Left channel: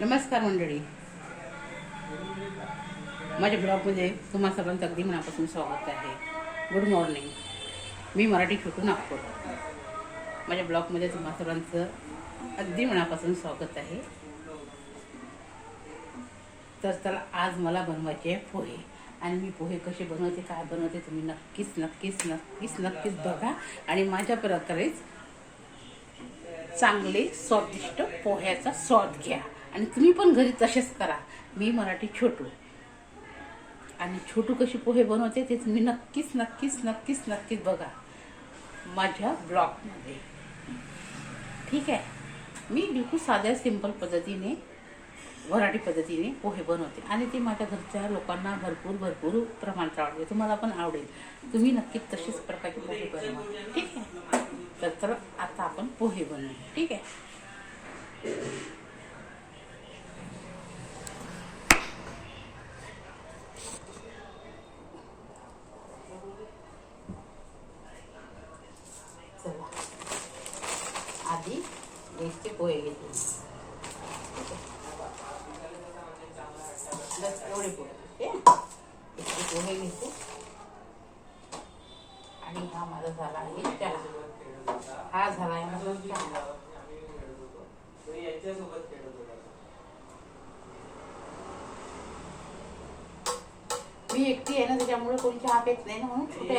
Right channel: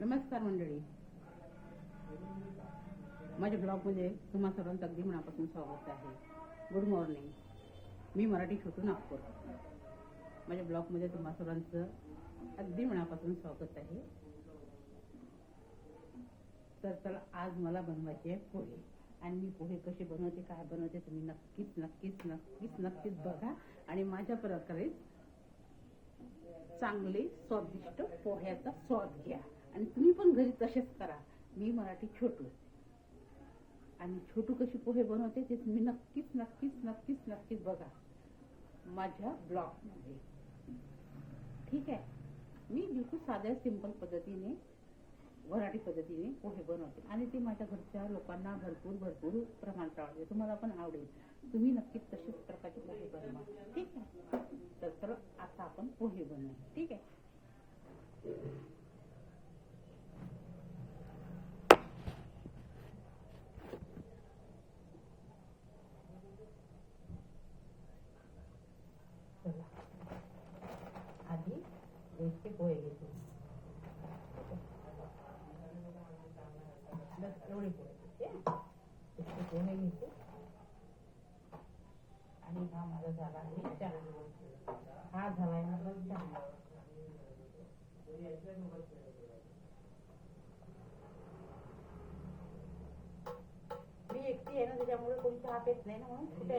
नमस्कार मंडळी, माझ्या ब्लॉगमध्ये तुम्हा सर्वांचं अगदी मनापासून स्वागत आहे. Good morning. मी मराठी छोटू नागपूर. माझ्या ब्लॉगमध्ये तुम्हा सर्वांचं अगदी मनापासून स्वागत आहे. तर चला, आज मला बनवायचे आहे पोहे. आणि मी पोहे कसे बनवते, काय बनवते तुम्ही नक्कीच नक्कीच नक्कीच नक्कीच बघा. आणि माझ्या प्रकारेच चांगले स्वादिष्ट पोह्याचा स्वाद घ्या. आणि तुम्ही पण घरी तसेच करा. मी मराठी छोटू, आणि छोटू कशी पोहे बनवते ते तुम्ही नक्कीच नक्कीच नक्कीच नक्कीच बघा माझ्या ब्लॉगमध्ये. ठीक आहे. मी बिलकुल साध्या सिंपल पद्धतीने, मराठी पद्धतीने पोहे बनवते आणि ते माझ्या घरच्या लोकांना भरपूर भरपूर प्रमाणात आवडते. तुम्हाला पण आवडेल. तुम्ही नक्कीच तसेच प्रकारचे पोहे बनवा. ठीक आहे. तर आता आपण पोहे बनवू. ठीक आहे. चला, आधी बेसचे पोहे घेते. बस एवढे पोहे इतके पोहे घेते. आणि हा माझा झाला आहे चहा. हा झाला आहे माझा चहा. मी एकटी आहे ना, त्याच्यामुळे कोणी चहा पेत नाही ना, म्हणून छोट्या